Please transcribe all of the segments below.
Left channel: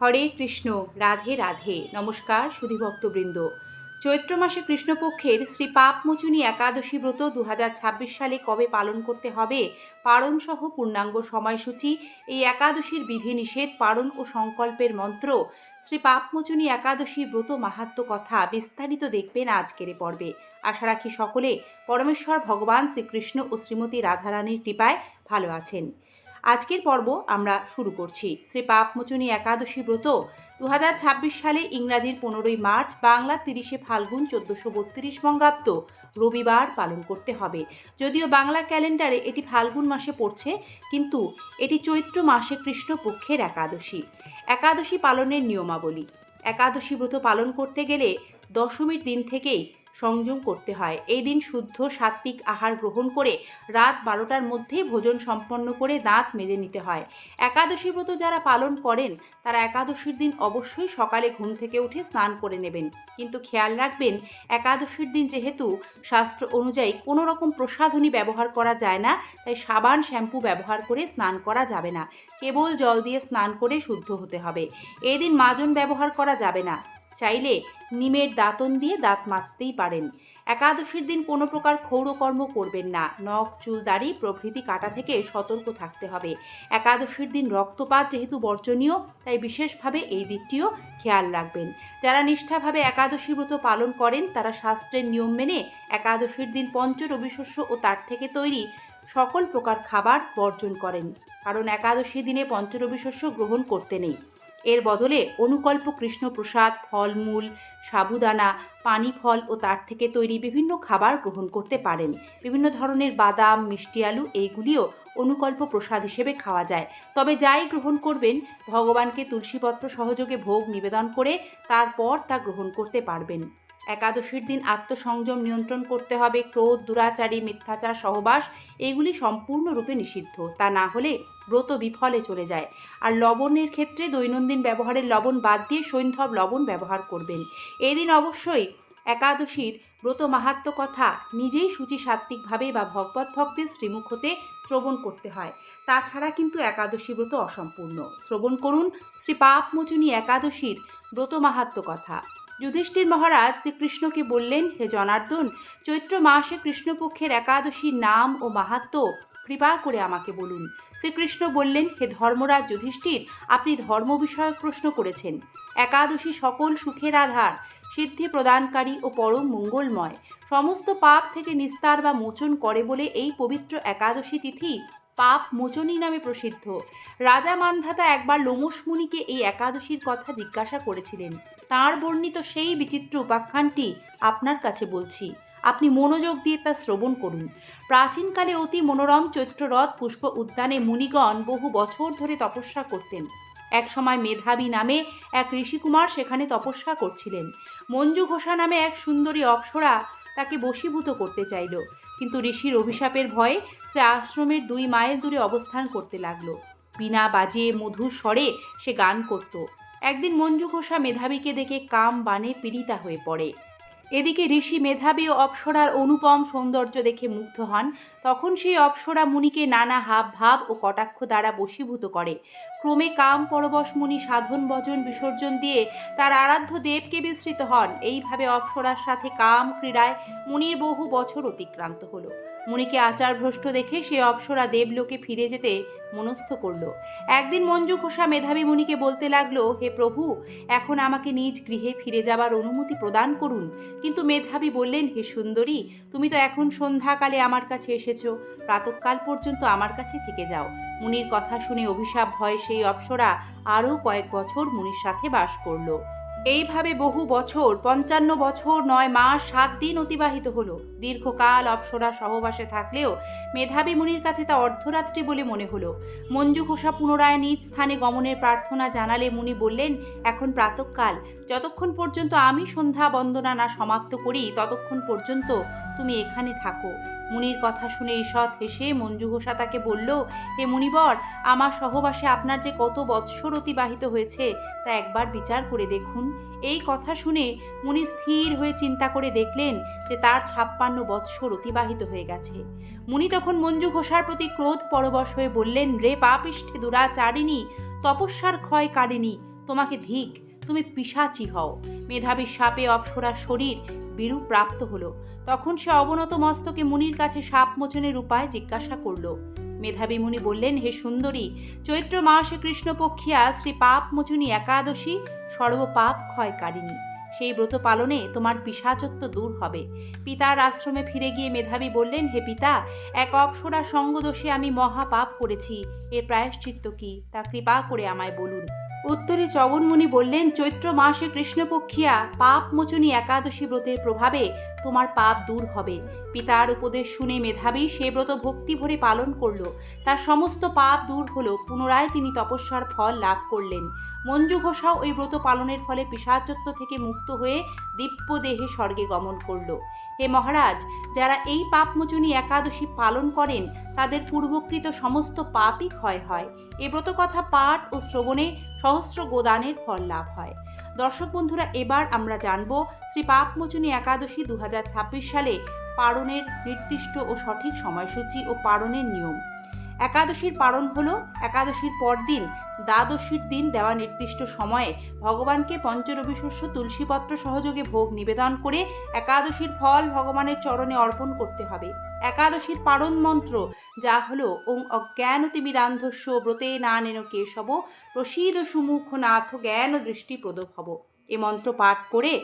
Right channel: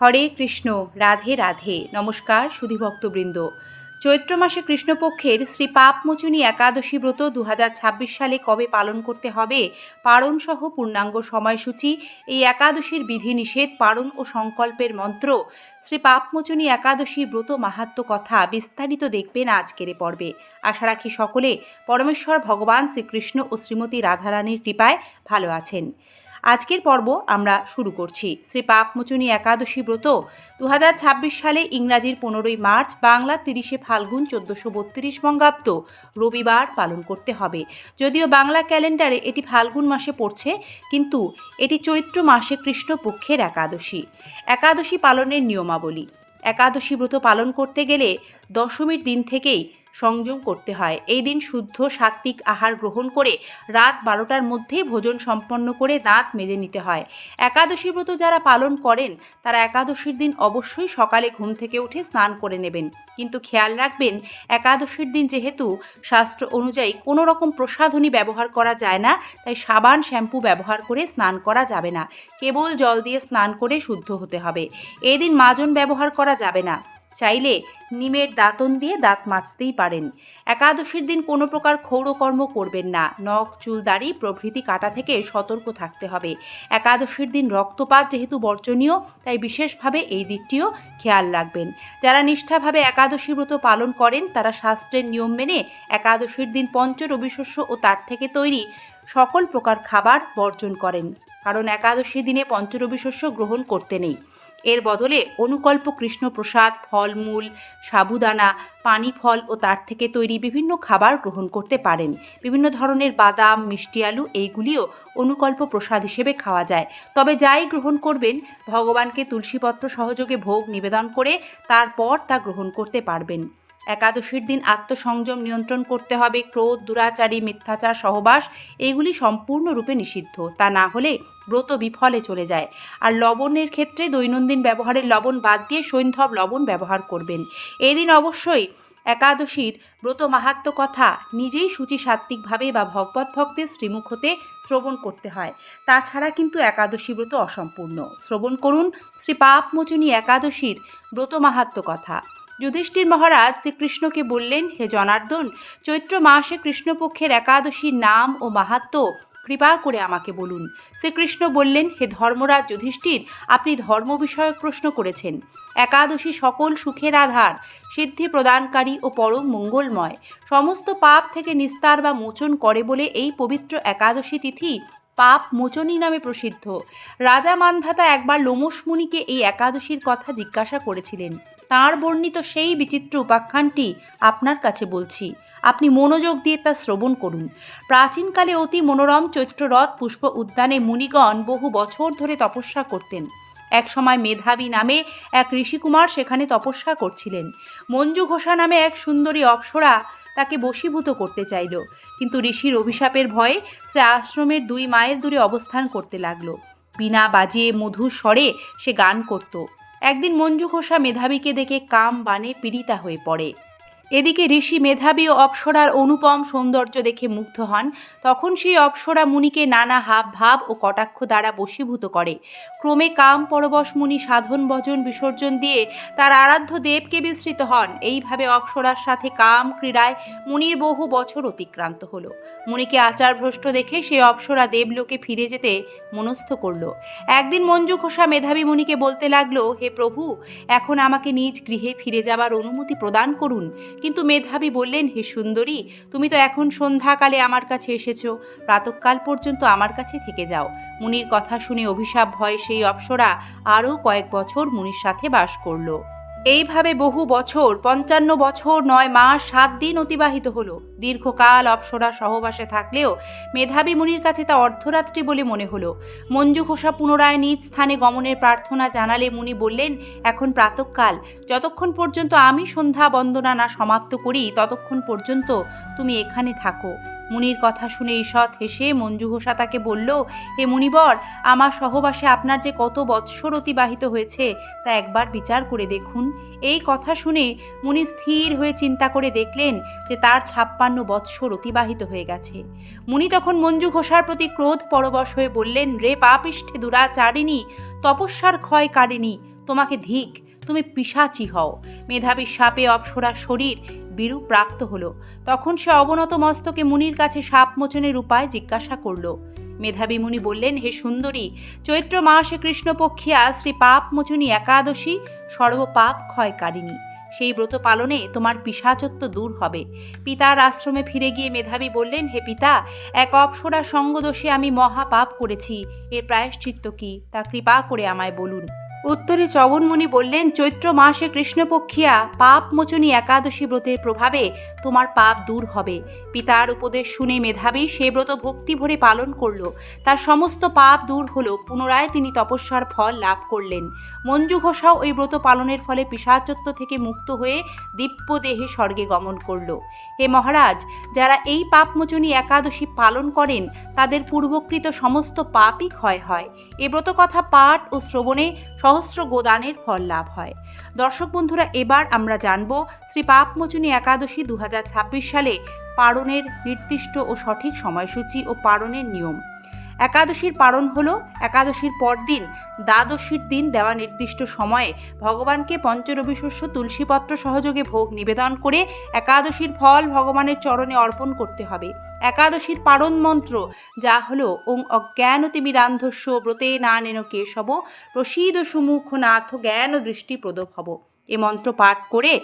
হরে কৃষ্ণ। রাধে রাধে। নমস্কার সুধীভক্তবৃন্দ। চৈত্র মাসে কৃষ্ণপক্ষের শ্রী পাপমোচনী একাদশী ব্রত 2026 সালে কবে পালন করতে হবে, পারণসহ পূর্ণাঙ্গ সময়সূচি, এই একাদশীর বিধিনিষেধ, পারণ ও সংকল্পের মন্ত্র, শ্রী পাপমোচনী একাদশী ব্রত মাহাত্ম্য কথা বিস্তারিত দেখবেন আজকের পর্বে। আশা রাখি সকলে পরমেশ্বর ভগবান শ্রীকৃষ্ণ ও শ্রীমতী রাধারানীর কৃপায় ভালো আছেন। আজকের পর্ব আমরা শুরু করছি। শ্রী পাপমোচনী একাদশী ব্রত 2026 সালে ইংরাজির 15ই মার্চ, বাংলা 30শে ফাল্গুন 1432 বঙ্গাব্দ রবিবার পালন করতে হবে। যদিও বাংলা ক্যালেন্ডারে এটি ফাল্গুন মাসে পড়ছে, কিন্তু এটি চৈত্র মাসে কৃষ্ণপক্ষের একাদশী। একাদশী পালনের নিয়মাবলী। একাদশী ব্রত পালন করতে গেলে দশমীর দিন থেকেই সংযম করতে হয়। এই দিন শুদ্ধ সাত্ত্বিক আহার গ্রহণ করে রাত 12টার মধ্যেই ভোজন সম্পন্ন করে দাঁত মেজে নিতে হয়। একাদশী ব্রত যারা পালন করেন তারা একাদশীর দিন অবশ্যই সকালে ঘুম থেকে উঠে স্নান করে নেবেন, কিন্তু খেয়াল রাখবেন একাদশীর দিন যেহেতু শাস্ত্র অনুযায়ী কোনো রকম প্রসাধনী ব্যবহার করা যায় না, তাই সাবান শ্যাম্পু ব্যবহার করে স্নান করা যাবে না। কেবল জল দিয়ে স্নান করে শুদ্ধ হতে হবে। এই দিন মাজন ব্যবহার করা যাবে না। চাইলে নিমের দাঁতন দিয়ে দাঁত মাজতেই পারেন। একাদশীর দিন কোনো প্রকার ক্ষৌরকর্ম করবেন না। নখ, চুল, দাড়ি প্রভৃতি কাটা থেকে সতর্ক থাকতে হবে। একাদশীর দিন রক্তপাত যেহেতু বর্জনীয়, তাই বিশেষভাবে এই দিকটিও খেয়াল রাখবেন। যারা নিষ্ঠাভাবে একাদশী ব্রত পালন করেন তারা শাস্ত্রের নিয়ম মেনে একাদশীর দিন পঞ্চরবিশস্য ও তার থেকে তৈরি সকল প্রকার খাবার বর্জন করেন, কারণ একাদশী দিনে পঞ্চরবিশস্য গ্রহণ করতে নেই। এর বদলে অনুকল্প কৃষ্ণপ্রসাদ, ফলমূল, সাবুদানা, পানি ফল ও তার থেকে তৈরি বিভিন্ন খাবার গ্রহণ করতে পারেন। বিভিন্ন ধরনের বাদাম, মিষ্টি আলু এইগুলিও অনুকল্প প্রসাদ হিসেবে খাওয়া যায়। তবে যাই গ্রহণ করবেন ভগবানকে তুলসীপত্র সহযোগে ভোগ নিবেদন করে তারপর তা গ্রহণ করতে পারবেন। একাদশীর দিন আত্মসংযম নিয়ন্ত্রণ করতে হবে। ক্রোধ, দুরাচারী, মিথ্যাচার, সহবাস এগুলি সম্পূর্ণরূপে নিষিদ্ধ। তা না হলে ব্রত বিফলে চলে যায়। আর লবণের ক্ষেত্রে দৈনন্দিন ব্যবহারের লবণ বাদ দিয়ে সৈন্ধব লবণ ব্যবহার করবেন। এই দিন অবশ্যই একাদশীর ব্রত মাহাত্ম্য কথা নিজেই সূচি সাত্ত্বিকভাবে বা ভগবত ভক্তের শ্রীমুখ হতে শ্রবণ করতে হয়। তাছাড়া কিন্তু একাদশী ব্রত অসম্পূর্ণ। শ্রবণ করুন শ্রী পাপমোচনী একাদশীর ব্রত মাহাত্ম্য কথা। যুধিষ্ঠির মহারাজ শ্রীকৃষ্ণকে বললেন, হে জনার্দন, চৈত্র মাসে কৃষ্ণপক্ষের একাদশীর নাম ও মাহাত্ম্য কৃপা করে আমাকে বলুন। শ্রীকৃষ্ণ বললেন, হে ধর্মরাজ যুধিষ্ঠির, আপনি ধর্ম বিষয়ক প্রশ্ন করেছেন। একাদশী সকল সুখের আধার, সিদ্ধি প্রদানকারী ও পরম মঙ্গলময়, সমস্ত পাপ থেকে নিস্তার বা মোচন করে বলে এই পবিত্র একাদশী তিথি পাপ মোচনী নামে প্রসিদ্ধ। রাজা মান্ধাতা একবার লোমশ মুনিকে এই একাদশীর কথা জিজ্ঞাসা করেছিলেন। তাঁর বর্ণিত সেই বিচিত্র উপাখ্যানটি আপনার কাছে বলছি, আপনি মনোযোগ দিয়ে তা শ্রবণ করুন। প্রাচীনকালে অতি মনোরম চৈত্ররথ পুষ্প উদ্যানে মুনিগণ বহু বছর ধরে তপস্যা করতেন। এক সময় মেধাবী নামে এক ঋষিকুমার সেখানে তপস্যা করছিলেন। মঞ্জু ঘোষা নামে এক সুন্দরী অপ্সরা তাকে বশীভূত করতে চাইল, কিন্তু ঋষির অভিশাপের ভয়ে সে আশ্রমের 2 মাইল দূরে অবস্থান করতে লাগলো। বীণা বাজিয়ে মধুর স্বরে সে গান করত। একদিন মঞ্জু ঘোষা মেধাবীকে দেখে কাম বাণে পীড়িতা হয়ে পড়ে। এদিকে ঋষি মেধাবী ও অপ্সরার অনুপম সৌন্দর্য দেখে মুগ্ধ হন। তখন সেই অপ্সরা মুনিকে নানা হাব ভাব ও কটাক্ষ দ্বারা বশীভূত করে। ক্রমে কাম পরবশ মুনি সাধন ভজন বিসর্জন দিয়ে তার আরাধ্য দেবকে বিস্মৃত হন। এইভাবে অপ্সরার সাথে কাম ক্রীড়ায় মুনির বহু বছর অতিক্রান্ত হলো। মুনিকে আচারভ্রষ্ট দেখে সে অপ্সরা দেবলোকে ফিরে যেতে মনস্থ করল। একদিন মঞ্জু ঘোষা মেধাবী মুনিকে বলতে লাগলো, হে প্রভু, এখন আমাকে নিজ গৃহে ফিরে যাবার অনুমতি প্রদান করুন। কিন্তু মেধাবী বললেন, হে সুন্দরী, তুমি তো এখন সন্ধ্যাকালে আমার কাছে এসেছো, প্রাতঃকাল পর্যন্ত আমার কাছে থেকে যাও। মুনির কথা শুনে অভিশাপ ভয়ে সেই অপ্সরা আরও কয়েক বছর মুনির সাথে বাস করল। এইভাবে বহু বছর, 55 বছর 9 মাস 7 দিন অতিবাহিত হলো। দীর্ঘকাল অপ্সরা সহবাসে থাকলেও মেধাবী মুনির কাছে তা অর্ধরাত্রি বলে মনে হলো। মঞ্জু ঘোষা পুনরায় নিজ স্থানে গমনের প্রার্থনা জানালে মুনি বললেন, এখন প্রাতঃকাল, যতক্ষণ পর্যন্ত আমি সন্ধ্যা বন্দনা না সমাপ্ত করি ততক্ষণ পর্যন্ত তুমি এখানে থাকো। মুনির কথা শুনে ঈষৎ হেসে মঞ্জু ঘোষা তাকে বলল, হে মুনিবর, আমার সহবাসে আপনার যে কত বৎসর অতিবাহিত হয়েছে তা একবার বিচার করে দেখুন। এই কথা শুনে মুনি স্থির হয়ে চিন্তা করে দেখলেন যে তার 56 বৎসর অতিবাহিত হয়ে গেছে। মুনি তখন মঞ্জু ঘোষার প্রতি ক্রোধ পরবশ হয়ে বললেন, রে পাপিষ্ঠে দুরাচারিণী, তপস্যার ক্ষয় কারিণী, তোমাকে ধিক, তুমি পিশাচি হও। মেধাবী সাপে অপ্সরার শরীর বিরূপ প্রাপ্ত হলো। তখন সে অবনত মস্তকে মুনির কাছে সাপ মোচনের উপায় জিজ্ঞাসা করল। মেধাবী মুনি বললেন, হে সুন্দরী, চৈত্র মাসে কৃষ্ণপক্ষিয়া শ্রী পাপ মোচনী একাদশী সর্বপাপ ক্ষয়কারিণী। সেই ব্রত পালনে তোমার পিশাচত্ব দূর হবে। পিতার আশ্রমে ফিরে গিয়ে মেধাবী বললেন, হে পিতা, এক অপ্সরা সঙ্গদোষে আমি মহাপাপ করেছি। এর প্রায়শ্চিত্ত কি, তা কৃপা করে আমায় বলুন। উত্তরে চবনমুনি বললেন, চৈত্র মাসে কৃষ্ণপক্ষিয়া পাপ মোচনী একাদশী ব্রতের প্রভাবে তোমার পাপ দূর হবে। পিতার উপদেশ শুনে মেধাবী সে ব্রত ভক্তি ভরে পালন করল। তার সমস্ত পাপ দূর হলো। পুনরায় তিনি তপস্যার ফল লাভ করলেন। মঞ্জু ঘোষাও ওই ব্রত পালনের ফলে পিশাচত্ব থেকে মুক্ত হয়ে দিব্য দেহে স্বর্গে গমন করল। হে মহারাজ, যারা এই পাপমোচনী একাদশী পালন করেন তাদের পূর্বকৃত সমস্ত পাপই ক্ষয় হয়। এ ব্রত কথা পাঠ ও শ্রবণে সহস্র গোদানের ফল লাভ হয়। দর্শক বন্ধুরা, এবার আমরা জানব শ্রী পাপমোচনী একাদশী 2026 সালে পালনের নির্দিষ্ট ও সঠিক সময়সূচি ও পালনের নিয়ম। একাদশীর পালন হলো একাদশীর পরদিন দ্বাদশীর দিন দেওয়া নির্দিষ্ট সময়ে ভগবানকে পঞ্চরবিশস্য তুলসীপত্র সহযোগে ভোগ নিবেদন করে একাদশীর ফল ভগবানের চরণে অর্পণ করতে হবে। একাদশীর পালন মন্ত্র যা হলো ওং অজ্ঞানতিমিরান্ধস্য ব্রতে নানেন কেশব প্রসীদ সুমুখ নাথ জ্ঞান দৃষ্টি প্রদভব। এ মন্ত্র পাঠ করে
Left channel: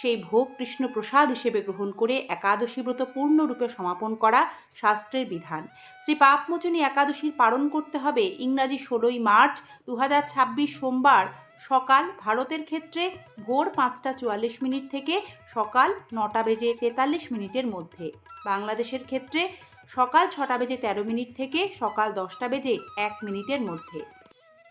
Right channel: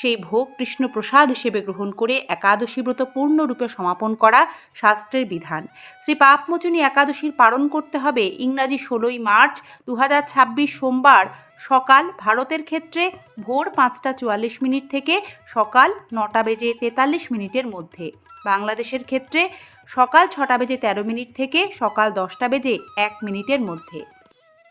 সেই ভোগ কৃষ্ণ প্রসাদ হিসেবে গ্রহণ করে একাদশী ব্রত পূর্ণরূপে সমাপন করা শাস্ত্রের বিধান। শ্রী পাপমোচনী একাদশীর পালন করতে হবে ইংরাজি 16ই মার্চ 2026 সোমবার সকাল ভারতের ক্ষেত্রে ভোর 5:44 থেকে সকাল 9:43 মধ্যে, বাংলাদেশের ক্ষেত্রে সকাল 6:13 থেকে সকাল 10:01 মধ্যে।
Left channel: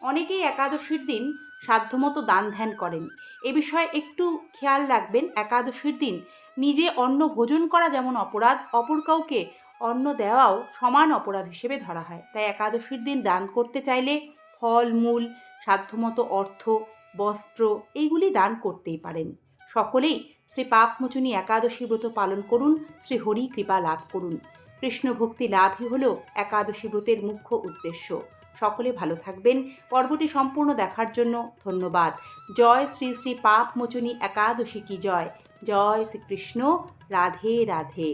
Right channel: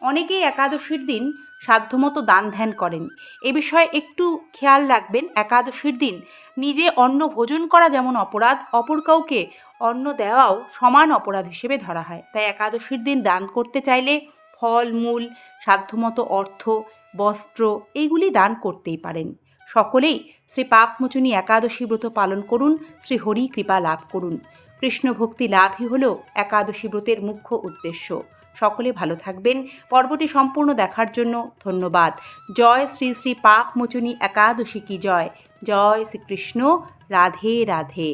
অনেকেই একাদশীর দিন সাধ্যমতো দান ধ্যান করেন। এ বিষয়ে একটু খেয়াল রাখবেন, একাদশীর দিন নিজে অন্ন ভোজন করা যেমন অপরাধ, অপর কাউকে অন্ন দেওয়াও সমান অপরাধ হিসেবে ধরা হয়। তাই একাদশীর দিন দান করতে চাইলে ফল মূল, সাধ্যমতো অর্থ, বস্ত্র এইগুলি দান করতেই পারেন। সকলেই শ্রী পাপমোচনী একাদশী ব্রত পালন করুন, শ্রী হরি কৃপা লাভ করুন। কৃষ্ণ ভক্তি লাভই হল একাদশী ব্রতের মুখ্য উদ্দেশ্য। সকলে ভালো থাকবেন। পর্বটি সম্পূর্ণ দেখার জন্য ধন্যবাদ। জয় শ্রী শ্রী পাপমোচনী একাদশী কি জয়। জয় শ্রীকৃষ্ণ। রাধে রাধে।